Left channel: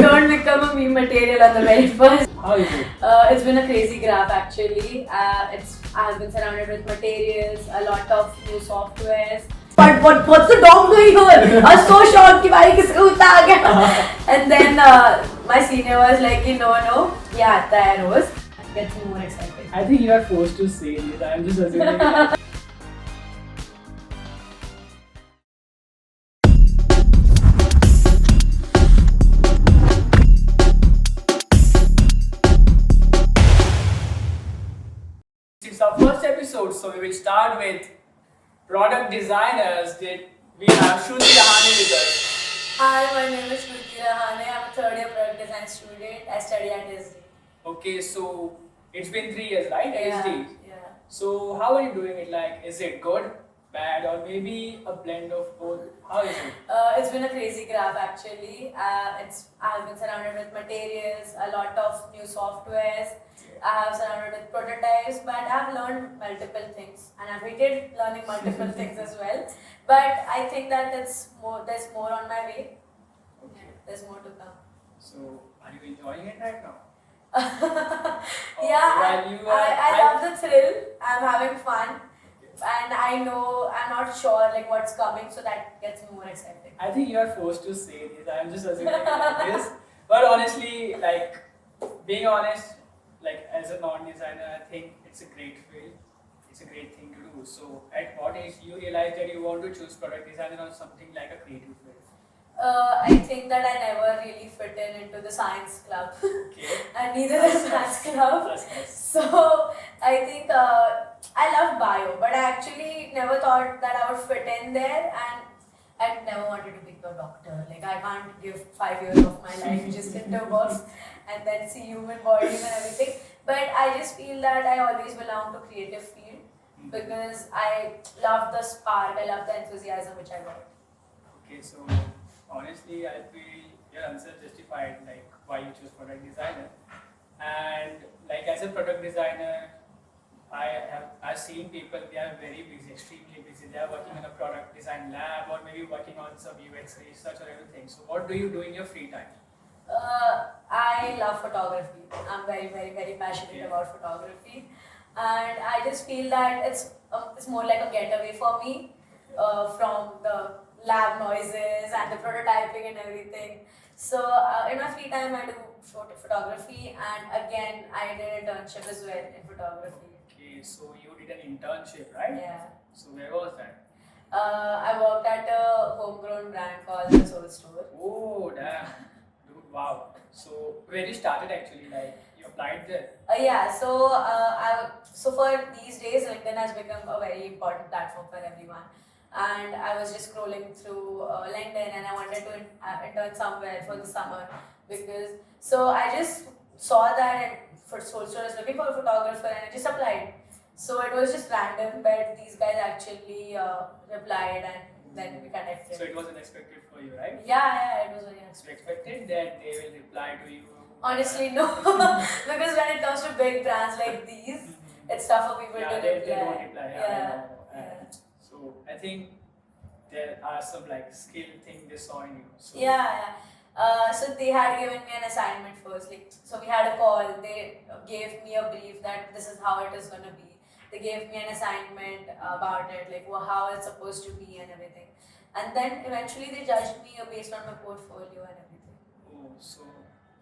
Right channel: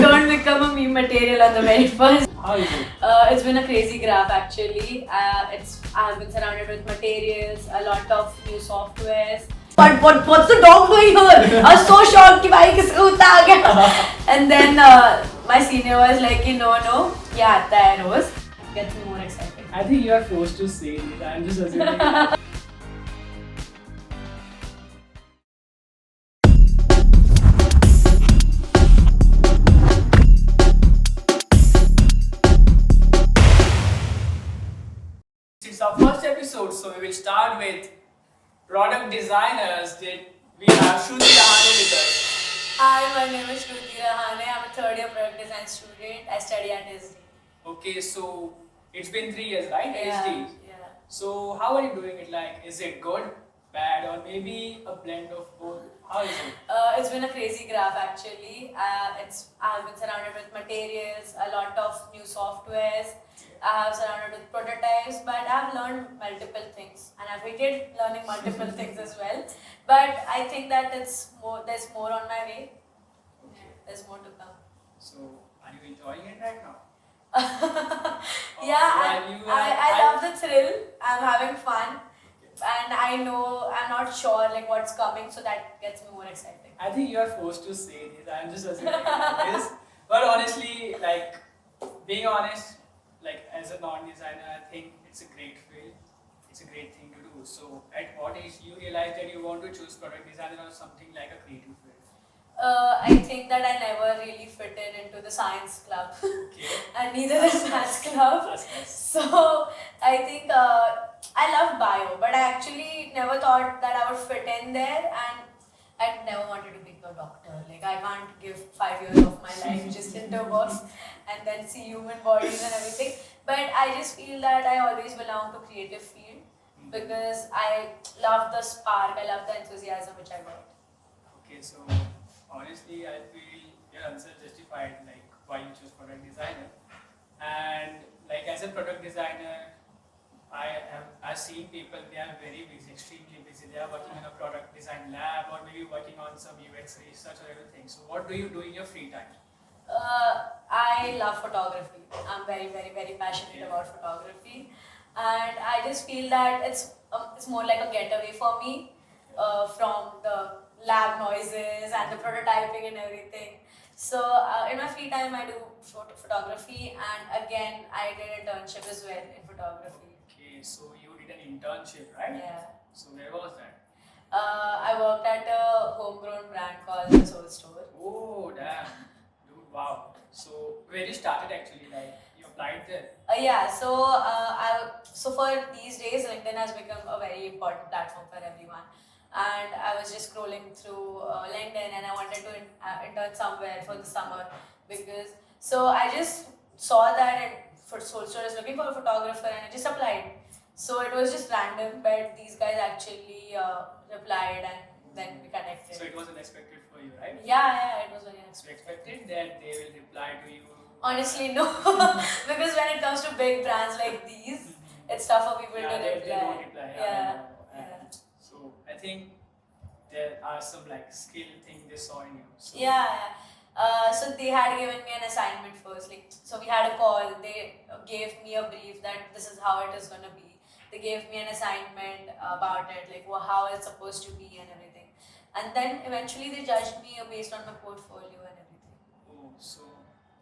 don't become a meme material on the very first. How is it? It's been a crazy graph actually. I've been surrounded with materials, a lot of new softwares. But what's the dog doing here? I was so shocked कि भाई किसका कुत्ता आ गया. And then my senior was like, no, ये आता है रोज. Gets me more excited. I think you are forced to say this. I'm just assuming. It's our first episode, so we will start with product designers. That we have Shruti Rahane with us. Hi, my name is Shruti Rahane. I'm a third year product design student. I study at SD. Okay, so it's been 3 years, right? Yeah, SD. yeah. So how are you doing it? Like, is it good, bad, or maybe a blend of both? How is it? It's been a crazy graph actually. I've been surrounded with materials, a lot of new softwares. I have surrounded with prototypes, but I've learned multiple things, and I've hated learning multiple things as well. But I think that there's more on my way. Okay. There's more to come. So are you enjoying it right now? Yeah, While I love the thrill. I'm having fun, and I know I'm not sure like what's coming, so that gets me more excited. I think you are forced to say this. I'm just assuming this. But honestly, like being honest, like as a non-designer, I think it's a great field. It's a great thing to do. So at what age you realize that you want to choose product designer or something like a creative field? I think that I never really fit into the science club, Okay. and neither the science club. That's nice. So I think I love bio, but I actually never thought that I would fit in there, and I never wanted to become a doctor. Like I can't give 5 years of my life just into books and then see human bodies and everything. But I just feel that I always belong to creative field because I love the spark, I love the enthusiasm which I got. Okay, so honestly, I feel your answer justified, like why you choose product designer. And like as a product designer, I've seen people, they are very busy, extremely busy. They are working in a product design lab or maybe working on some UX research or everything. So what do you do in your free time? I love photography. I'm very, very, very passionate about photography, and I just feel that it's more like a getaway for me from the lab noises and the prototyping and everything. So in my free time, I do photography, and again, I did an internship as well in photography. Okay, so you did an internship, right? Yeah. So where was that? I worked at a homegrown brand called The Soul Store. Oh, damn. Dude, wow. So where you started actually, like you applied there? Yeah, so for these days, LinkedIn has become a very important platform for everyone. And I was just scrolling through LinkedIn, and I wanted to intern somewhere for the summer because so I just saw that for Soul Store is looking for a photographer, and I just applied. So it was just random, but these guys actually replied, and then we connected. So it was unexpected for you, right? Yeah, it was very So you unexpected. expected that they will reply to you? Honestly, no, because when it comes to big brands like these, it's tough for people Yeah, to they reply. don't reply. Yeah, I Yeah, know. yeah. And so I think there are some like skill thing they saw in you. So Yeah. So they had given me an assignment first. Like, so we had a call. They gave me a brief that this is how it is gonna be. They gave me an assignment about it, like how it's supposed to be and everything. And then eventually they judged me based on my portfolio and everything. Oh, so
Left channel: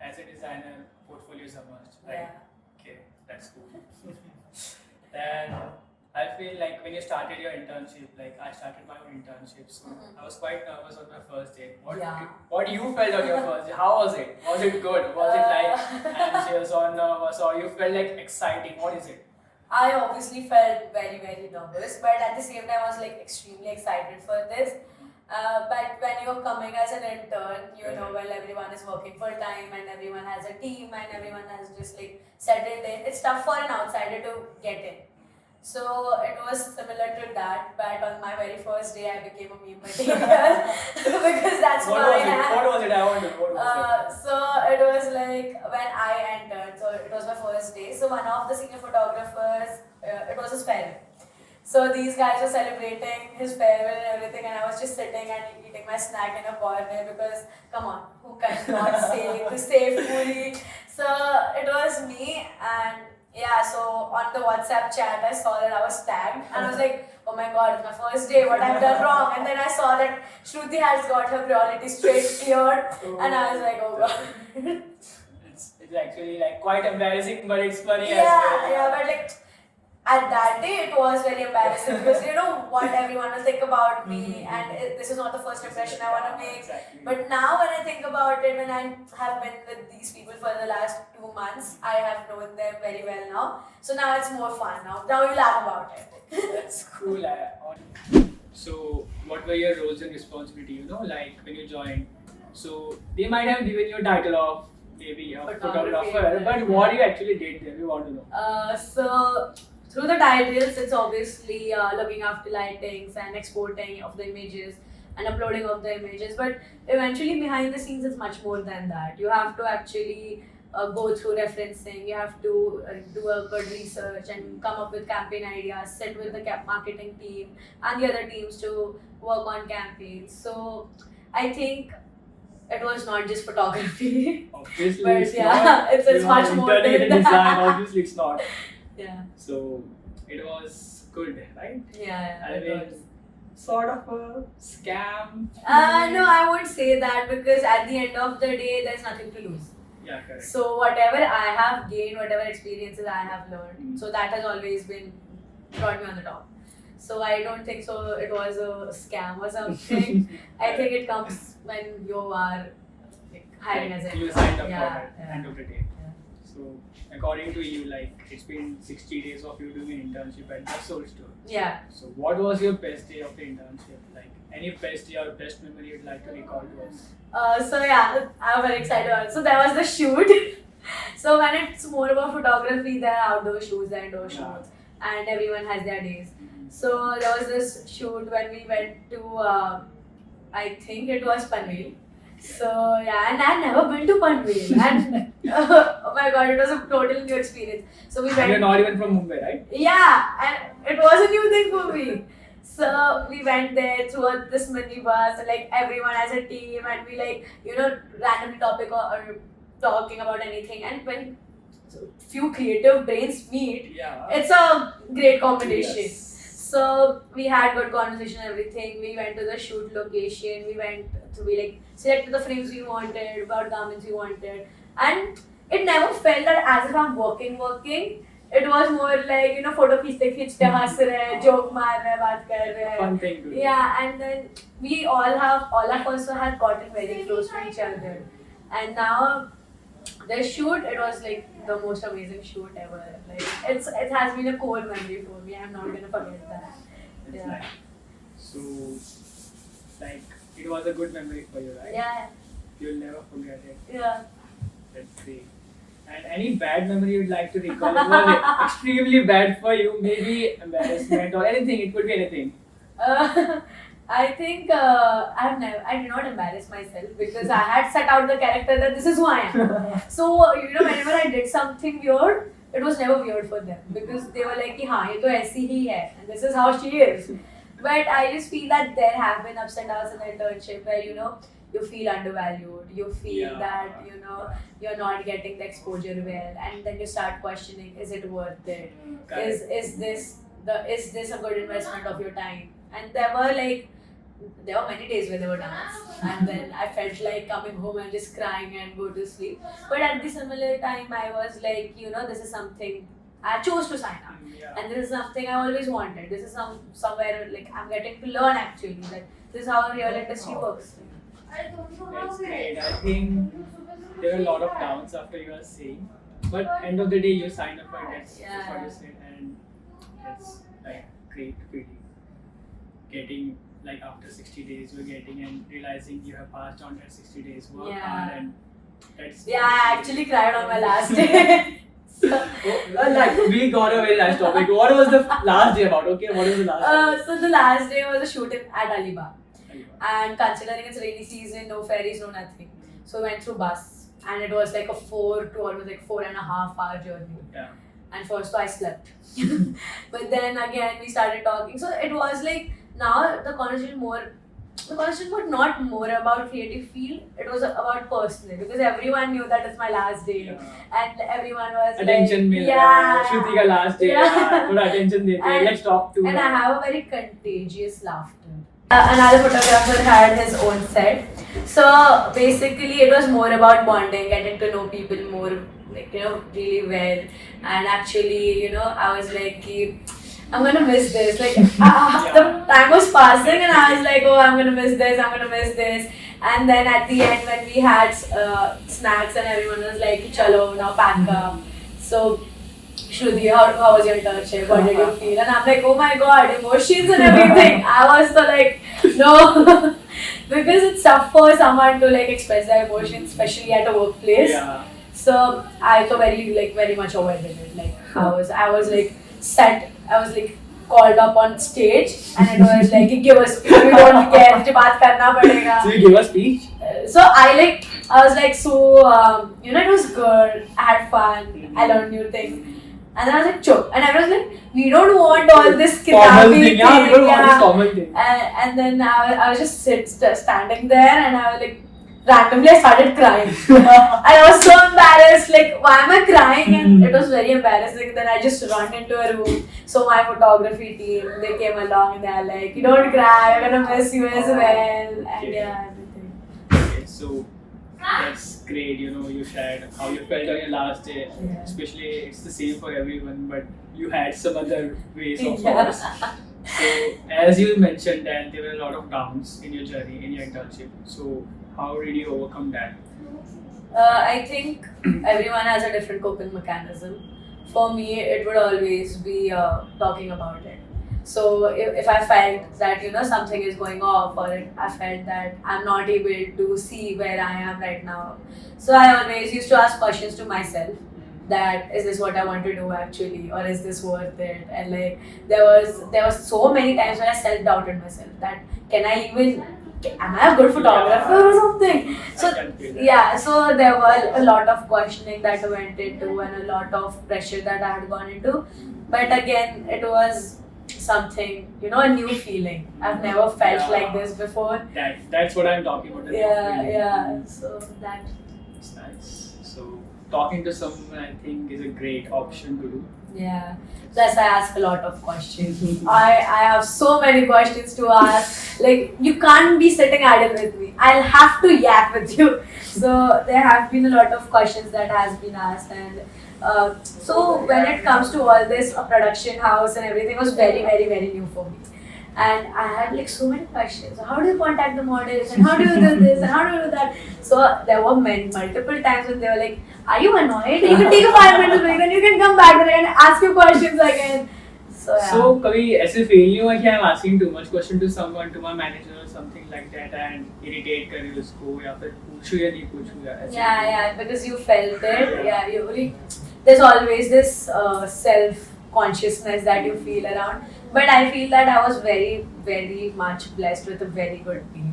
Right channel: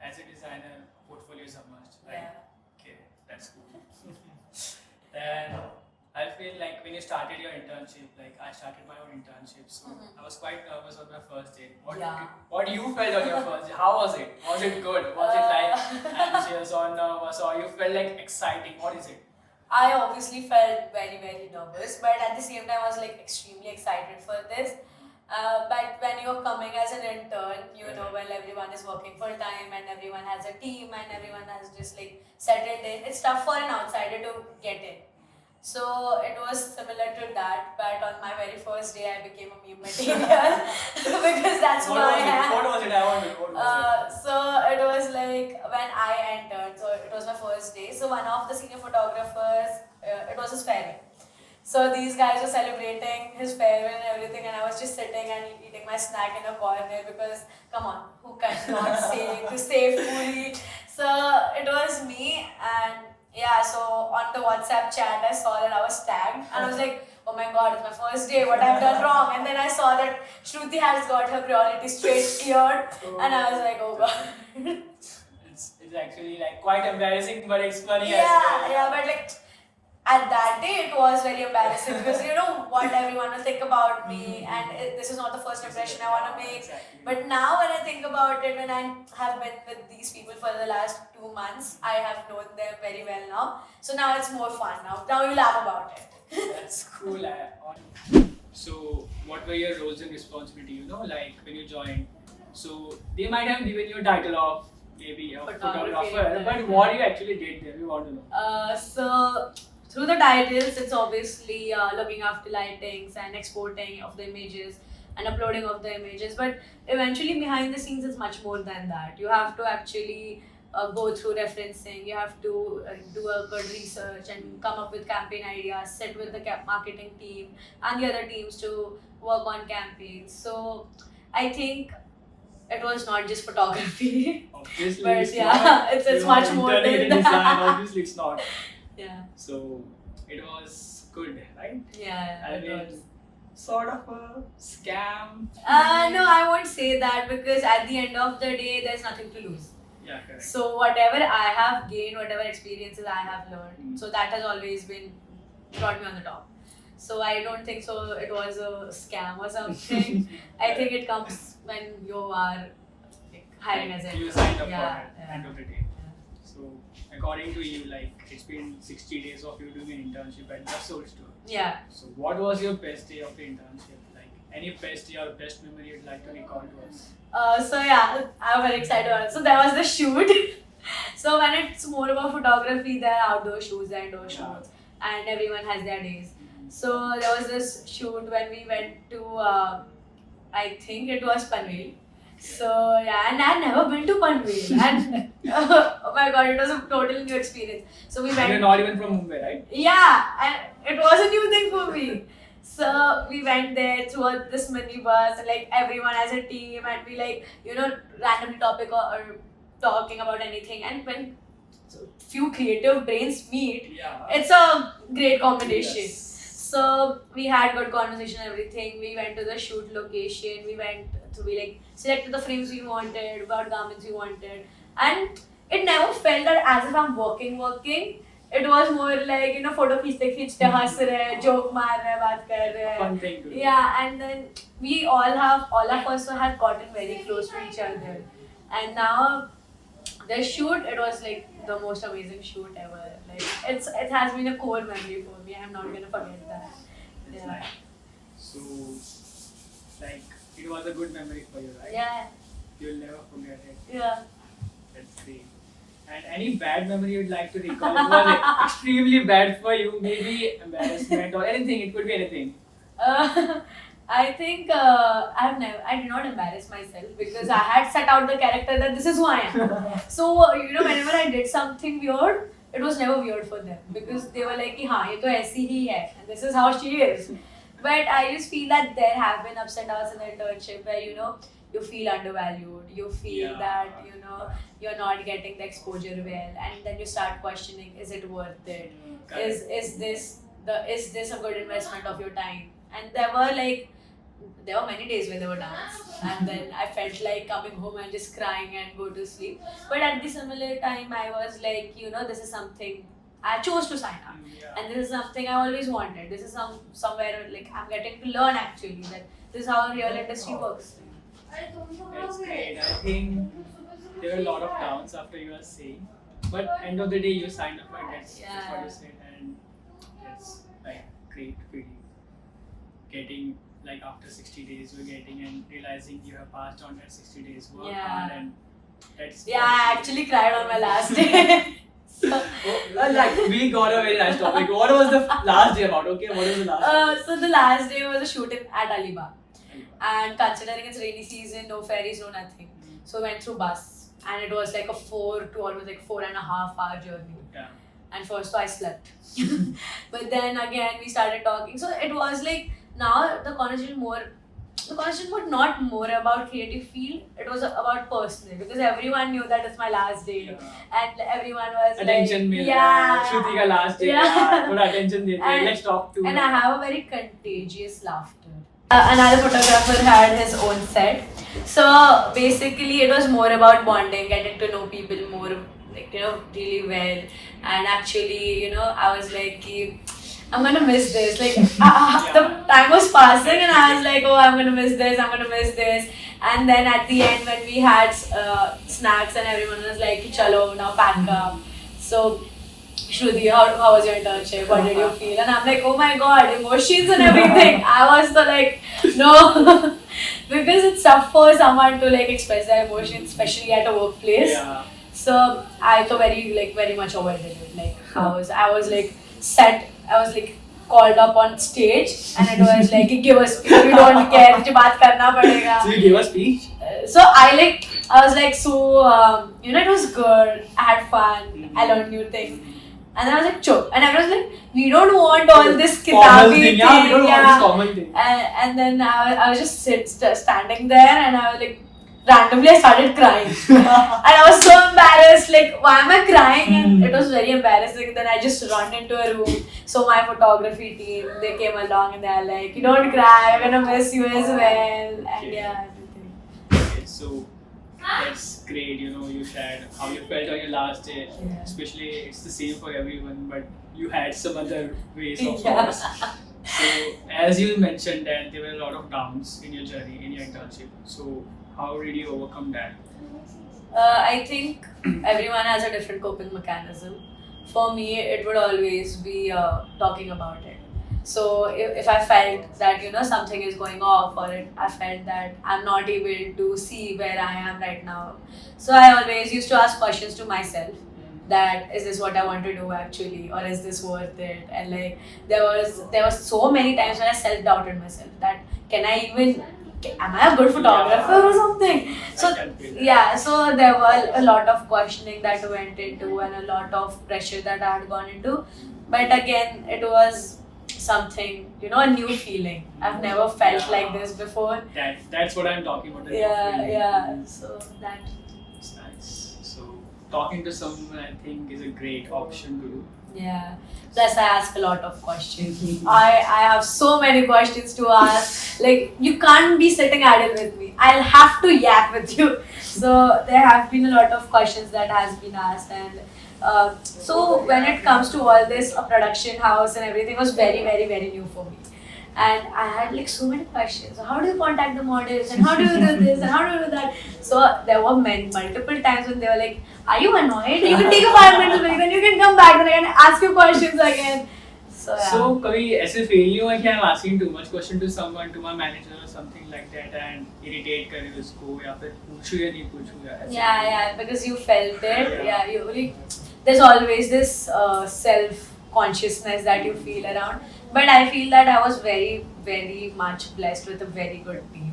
as a designer, portfolio is a must, right? Yeah. Okay, that's cool. And I feel like when you started your internship, like I started my own internship, so I was quite nervous on my first day. Yeah. What you felt on your first day? How was it? Was it good? Was it like anxious or nervous, or you felt like exciting? What is it? I obviously felt very, very nervous, but at the same time, I was like extremely excited for this. But when you're coming as an intern, you know, when everyone is working full time and everyone has a team and everyone has just like settled in, it's tough for an outsider to get in. So it was similar to that, but on my very first day, I became a meme material because that's What who I was it? am. What was it? I wonder. What was So it was like when I entered, so it was my first day. So one of the senior photographers, it was his parent. So these guys were celebrating his farewell and everything, and I was just sitting and eating my snack in a corner because, come on, who cannot stay to save Puri? So it was me, and yeah, so on the WhatsApp chat, I saw that I was tagged, and I was like, oh my god, it's my first day, what I've done wrong? And then I saw that Shruti has got her priority straight cleared, and I was like, oh god. It's actually like quite embarrassing, but it's funny as Yeah, well. yeah, but like at that day it was very embarrassing because you know what everyone will think about me, and this is not the first impression I want to make. Exactly. But now when I think about it, when I have been with these people for the last 2 months, I have known them very well now. So now it's more fun. Now you laugh about it. That's cool. So, what were your roles and responsibility? You know, like when you joined. So they might have given you a title of maybe a photographer, but what you actually did there, we want to know. So through the titles, it's obviously looking after lightings and exporting of the images and uploading of the images. But eventually, behind the scenes, it's much more than that. You have to actually go through referencing. You have to do a good research and come up with campaign ideas. Sit with the marketing team and the other teams to work on campaigns. So I think it was not just photography. Obviously, But it's yeah, not. it's You much are more interning than in design. that. Obviously, it's not. Yeah. So it was good, right? Yeah. I it mean, was. sort of a scam. No, I won't say that because at the end of the day, there's nothing to lose. Yeah, correct. So whatever I have gained, whatever experiences I have learned, so that has always been brought me on the top. So I don't think so. It was a scam or something. I think it comes when you are like hiring as a you signed up yeah, for it yeah. end of the day. Yeah. So according to you, like it's been 60 days of you doing an internship at the Soul Store. Yeah. So what was your best day of the internship? Like any best day or best memory you'd like to recall to us? So yeah, I'm very excited about it. So there was the shoot. So when it's more about photography, there are outdoor shoots, there are indoor Yeah. shoots, and everyone has their days. Mhm. So there was this shoot when we went to, I think it was Panvel. So yeah, and I'd never been to Panvel, and oh my god, it was a total new experience. So we And you're went. not even from Mumbai, right? Yeah, and it was a new thing for me. So we went there through this minibus, and like everyone as a team, and we like randomly topic or talking about anything. And when few creative brains meet, Yeah. it's a great combination. Yes. So we had good conversation, and everything. We went to the shoot location. We like selected the frames we wanted, what garments we wanted, and it never felt that as if I'm working. It was more like photo खींचते हंस रहे, joke मार रहे, बात कर रहे. Fun thing to do. Yeah, and then we all of us had gotten very close to each other, and now the shoot, it was like the most amazing shoot ever. Like it has been a core memory for me. I'm not gonna forget that. It's Yeah. nice. So, like, it was a good memory for you, right? Yeah, You'll never forget it. yeah. That's great. And any bad memory you'd like to recall? It was extremely bad for you. Maybe embarrassment or anything. It could be anything. I think I did not embarrass myself because I had set out the character that this is who I am. So whenever I did something weird, it was never weird for them because they were like, "हाँ ये तो ऐसी ही है, and this is how she is." But I just feel that there have been ups and downs in the internship where you feel undervalued, you feel Yeah. that you're not getting the exposure well, and then you start questioning, is it worth it? Correct. Is this a good investment of your time? And there were many days where there were downs, and then I felt like coming home and just crying and go to sleep. But at the similar time, I was like, this is something I chose to sign up, Yeah. and this is something I always wanted. This is somewhere like I'm getting to learn actually. Like this is how a real industry works. That's great. I think there were a lot of downs after you were saying, but end of the day you signed up for it. That's what you said, and it's like great feeling. Getting like after 60 days, you're getting and realizing you have passed on that 60 days work Yeah. hard, and that's Yeah, I actually cried on my last day. Like we got a very nice topic. What was the last day about? Okay, what was the last? So the last day was a shooting at Alibag. Day? And considering it's rainy season, no ferries, no nothing. So we went through bus, and it was like a 4 to almost like 4.5 hour journey. Yeah. and first I slept. But then again we started talking. So it was like now the conversation was not more about creative field, it was about personal, because everyone knew that it's my last day. And everyone was Attention like, मिल रहा है, श्रुति का last day यार, थोड़ा attention देते हैं, let's talk to and her. I have a very contagious laughter. Another photographer had his own set. So basically, it was more about bonding, getting to know people more, like, really well. And actually, I was like, I'm gonna miss this. Like, the time was passing, and I was like, oh, I'm gonna miss this, I'm gonna miss this. And then at the end, when we had snacks, and everyone was like, chalo, now pack up. So, Shruti, how was your internship? What did you feel? And I'm like, oh my god, emotions and everything. I was so like, no. Because it's tough for someone to like express their emotions, especially at a workplace. Yeah. So I so very much avoided it. Like I was like called up on stage, and it was like, give us, we don't care, मुझे बात करना पड़ेगा. So you gave a speech? So I was like, so it was good. I had fun. I learned new things. And then I was like, chup. And I was like, we don't want all this kitabi thing. Yeah, we don't want this formal thing. And then I was just standing there, and I was like, randomly I started crying. And I was so embarrassed, like, why am I crying? And it was very embarrassing. Then I just ran into a room. So my photography team, they came along, and they're like, you don't cry, we're gonna miss you as well. And yeah, everything. Okay, so that's great, you shared how you felt on your last day. Yeah. Especially, it's the same for everyone, but you had some other ways of Yeah. yours. So, as you mentioned that there were a lot of downs in your journey, in your internship. So, how did you overcome that? I think everyone has a different coping mechanism. For me, it would always be talking about it. So if I felt that something is going off, or I felt that I'm not able to see where I am right now, so I always used to ask questions to myself, that is this what I want to do actually, or is this worth it? And like there was so many times when I self-doubted myself, that am I a good photographer or something? So I can feel that. yeah, so there were a lot of questioning that went into, and a lot of pressure that I had gone into. But again, it was something, a new feeling. I've never felt like this before. That's what I'm talking about. Yeah. So that. It's nice. So talking to someone, I think, is a great option to do. Yeah. Plus, I ask a lot of questions. I have so many questions to ask. Like, you can't be sitting idle with me. I'll have to yap with you. So there have been a lot of questions that has been asked, and so when it comes to all this, a production house and everything was very, very, very new for me. And I had like so many questions. How do you contact the models? And how do you do this? And how do you do that? So there were multiple times when they were like, are you annoyed? You can take a 5 minutes break, then you can come back and ask your questions again. So yeah. So कभी ऐसे feel नहीं हुआ कि I'm asking too much question to someone, to my manager or something like that, and irritate कर रही उसको, या फिर पूछूं या नहीं पूछूं या ऐसे? Yeah, because you felt it. Yeah, there's always this self-consciousness that you feel around. But I feel that I was very, very much blessed with a very good team.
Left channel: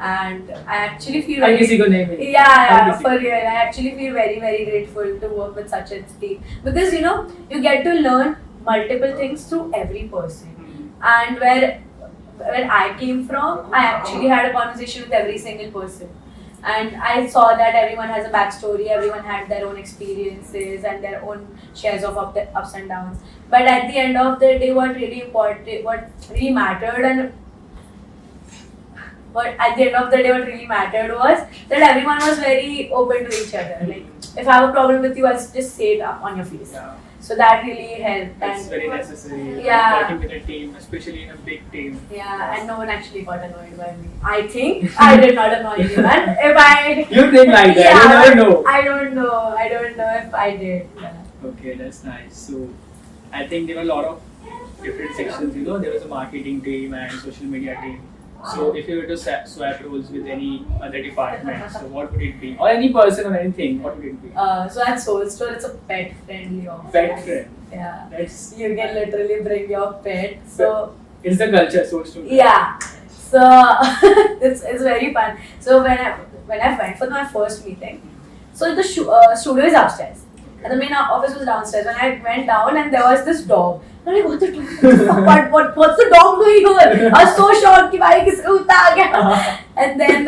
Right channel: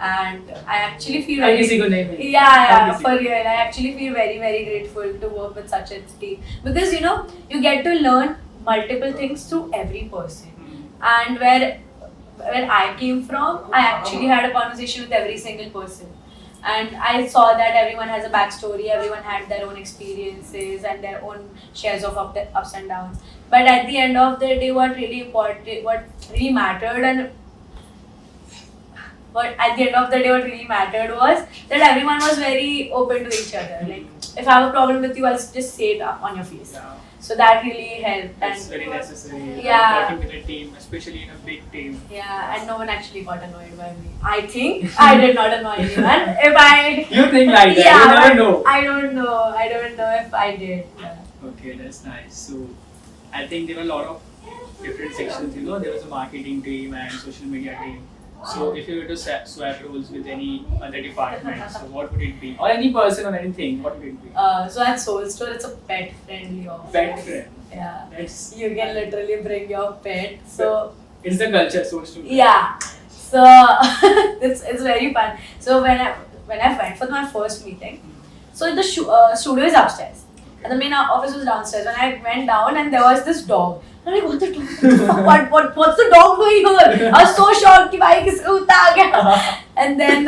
And I actually feel हर किसी को नहीं मिली. yeah, for real. I actually feel very, very grateful to work with such a team. Because you get to learn multiple things through every person. And where I came from, I actually had a conversation with every single person. And I saw that everyone has a backstory, everyone had their own experiences and their own shares of ups and downs. But at the end of the day, what really mattered was that everyone was very open to each other. Like, if I have a problem with you, I'll just say it up on your face. Yeah. So that really helped. That's And very necessary. Yeah. Working with a team, especially in a big team. yeah, and no one actually got annoyed by me. I think I did not annoy anyone. If I You think like that? Yeah, You never but know. I don't know if I did. Yeah. Okay, that's nice. So, I think there were a lot of different sections. There was a marketing team and social media team. So, if you were to swap roles with any other department, so what would it be? Or any person or anything, what would it be? So at Soul Store, it's a pet-friendly office. Pet friend. Yeah. That's You can literally bring your pet. So it's the culture, so to yeah. So it's very fun. So when I went for my first meeting, so the studio is upstairs. And the main office was downstairs. When I went down and there was this dog. I'm like, what the dog? What's the dog doing here? I was so shocked कि भाई किसका कुत्ता आ गया? And then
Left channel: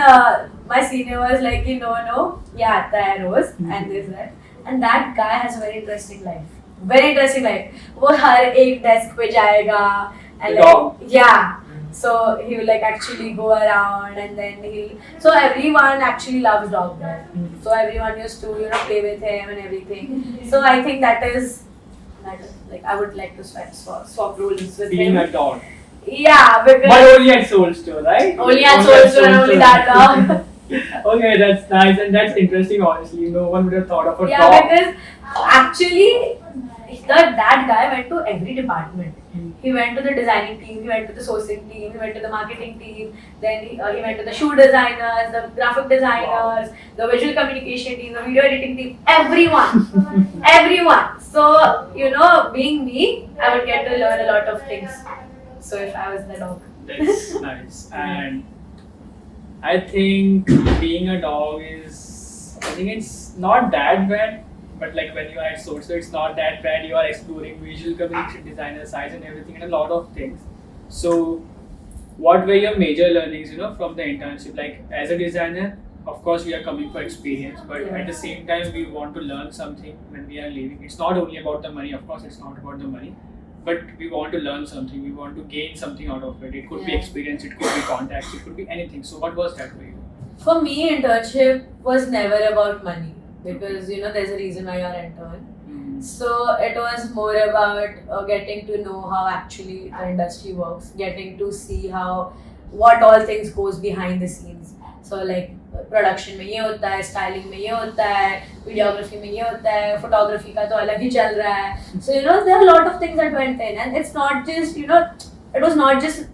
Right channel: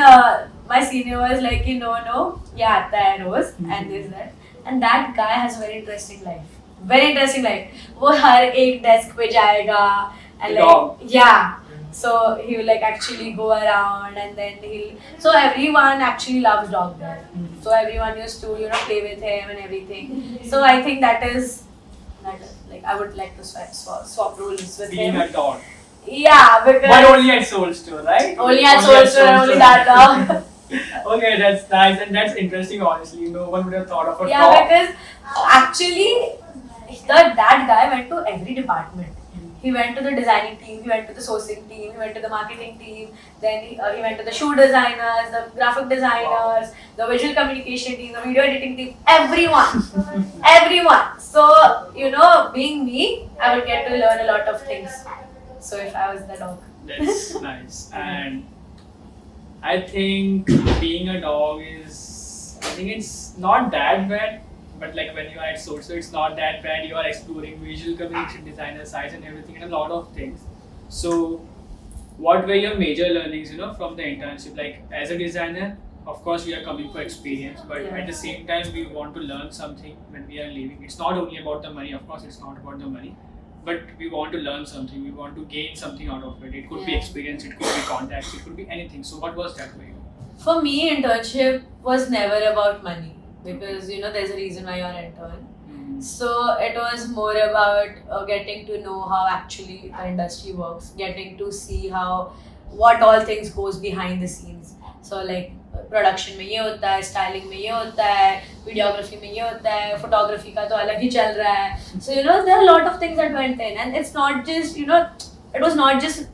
my senior was like, no, yeah, आता है रोज and this that. And that guy has a very interesting life. Very interesting life. वो हर एक desk पे जाएगा and like, yeah. So he will like actually go around and then so everyone actually loves dog there. So everyone used to play with him and everything. So I think that is like I would like to swap roles with Being him. a dog. Yeah, because But only at Soul Store, right? only at Soul Store and only that dog. Okay, that's nice and that's interesting. Honestly, no one would have thought of a Yeah, dog. because actually that guy went to every department. He went to the designing team, he went to the sourcing team, he went to the marketing team, then he went to the shoe designers, the graphic designers, the visual communication team, the video editing team, everyone. Everyone. So, being me, I would get to learn a lot of things. So if I was the dog. That's nice. And I think being a dog I think it's not that bad. But like when you are at Source, it's not that bad. You are exploring visual communication designer sides and everything and a lot of things. So what were your major learnings, from the internship? Like as a designer, of course we are coming for experience, but at the same time we want to learn something when we are leaving. It's not only about the money, of course it's not about the money, but we want to learn something, we want to gain something out of it. It could be experience, it could be contacts, it could be anything. So what was that for you? For me, internship was never about money. Because there's a reason why you're an intern. So it was more about getting to know how actually the industry works, getting to see what all things goes behind the scenes. So like production में ये होता है, styling में ये होता है, videography में ये होता है, photography का तो अलग ही चल रहा है. So there are a lot of things that went in, and it's not just it was not just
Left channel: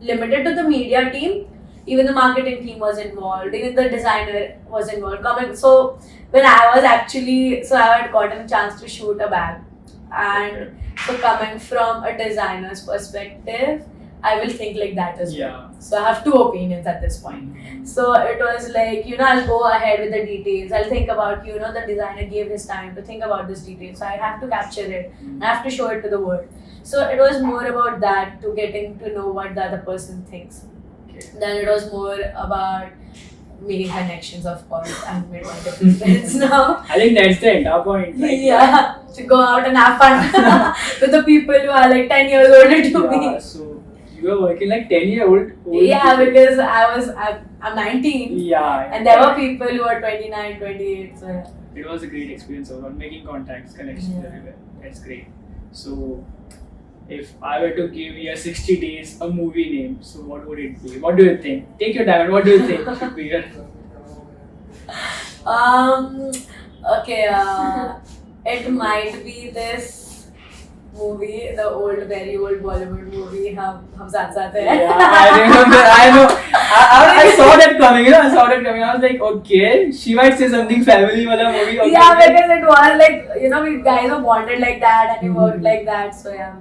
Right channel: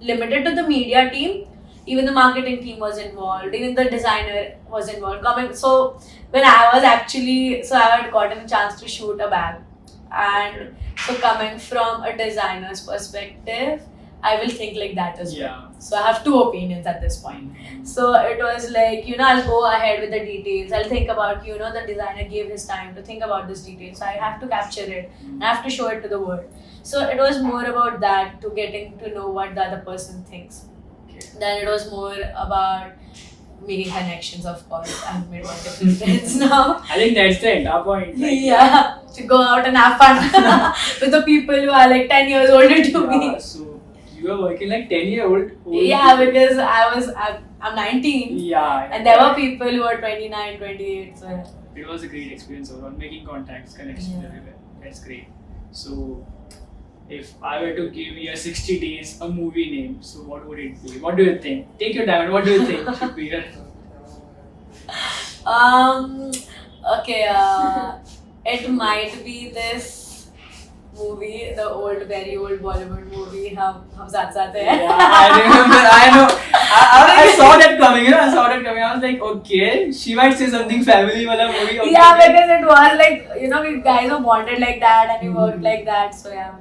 limited to the media team. Even the marketing team was involved, even the designer was involved. So when I was I had gotten a chance to shoot a bag. And so coming from a designer's perspective, I will think like that as well. So I have two opinions at this point. So it was like, I'll go ahead with the details. I'll think about, the designer gave his time to think about this detail. So I have to capture it. I have to show it to the world. So it was more about that, to getting to know what the other person thinks. Then it was more about making connections, of course. I've made multiple friends now. I think that's the entire point. Yeah, to go out and have fun with the people who are like 10 years older to me. So you were working like 10-year-old. Yeah, because I'm 19. Yeah. And there were people who are 29, 28. So yeah. It was a great experience overall, making contacts, connections everywhere. That's great. So if I were to give you a 60 days a movie name, so what would it be? What do you think? Take your time. And what do you think should be here? Okay. It might be this movie, the very old Bollywood movie, Hum Saath Saath Hain. Yeah, I remember. I know. I saw that coming. I saw that coming. I was like, okay, she might say something family wala movie. Okay. Yeah, because it was like we guys were bonded like that and we worked like that. So yeah.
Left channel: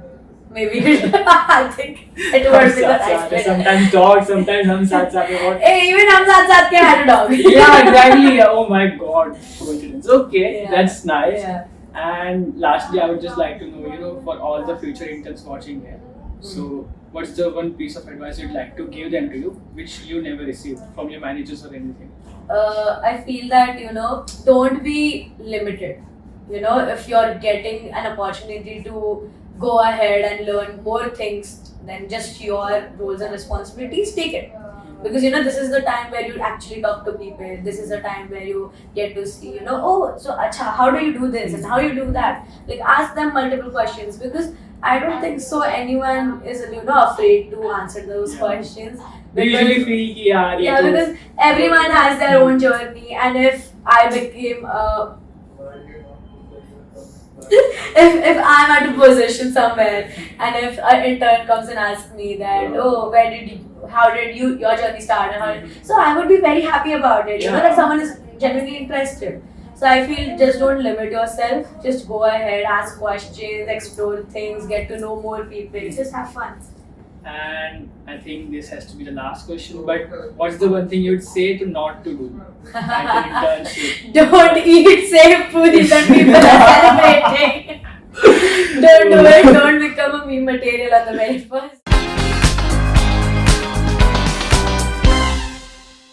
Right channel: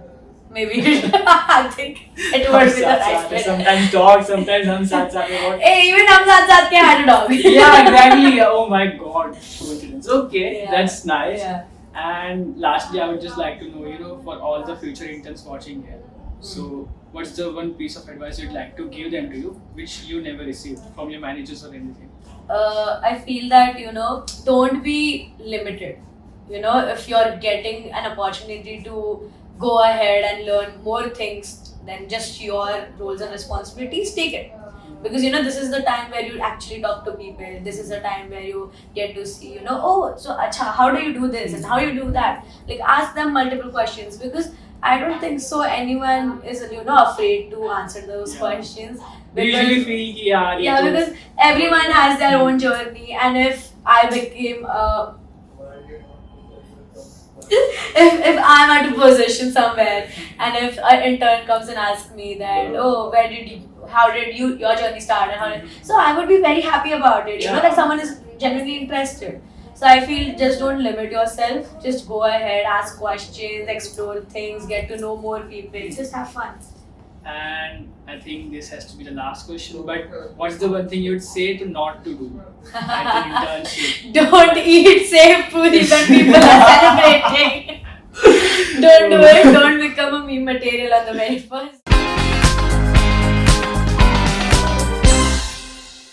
Maybe I think it would be the right fit. Sometimes dog, sometimes Hum Saath Saath Hain. Hey, even Hum Saath Saath Hain had a dog. Yeah, exactly. Oh my god, coincidence. Okay, Yeah. that's nice. Yeah. And lastly, I would just like to know, for all the future interns watching here, so what's the one piece of advice you'd like to give them to you, which you never received from your managers or anything? I feel that don't be limited. If you're getting an opportunity to go ahead and learn more things than just your roles and responsibilities, take it. Because this is the time where you actually talk to people. This is the time where you get to see, oh, so acha, how do you do this and how you do that? Like ask them multiple questions, because I don't think so anyone is afraid to answer those questions. We usually feel ki yaar, Yeah, because everyone has their own journey, and if I became if I'm at a position somewhere and if an intern comes and asks me that, oh, how did your journey start, and so I would be very happy about it. That someone is genuinely interested. So I feel just don't limit yourself. Just go ahead, ask questions, explore things, get to know more people. Just have fun. And I think this has to be the last question. But what's the one thing you would say to not to do at an internship? Don't eat safe food when people are celebrating. Don't do it. Don't become a meme material on the very first.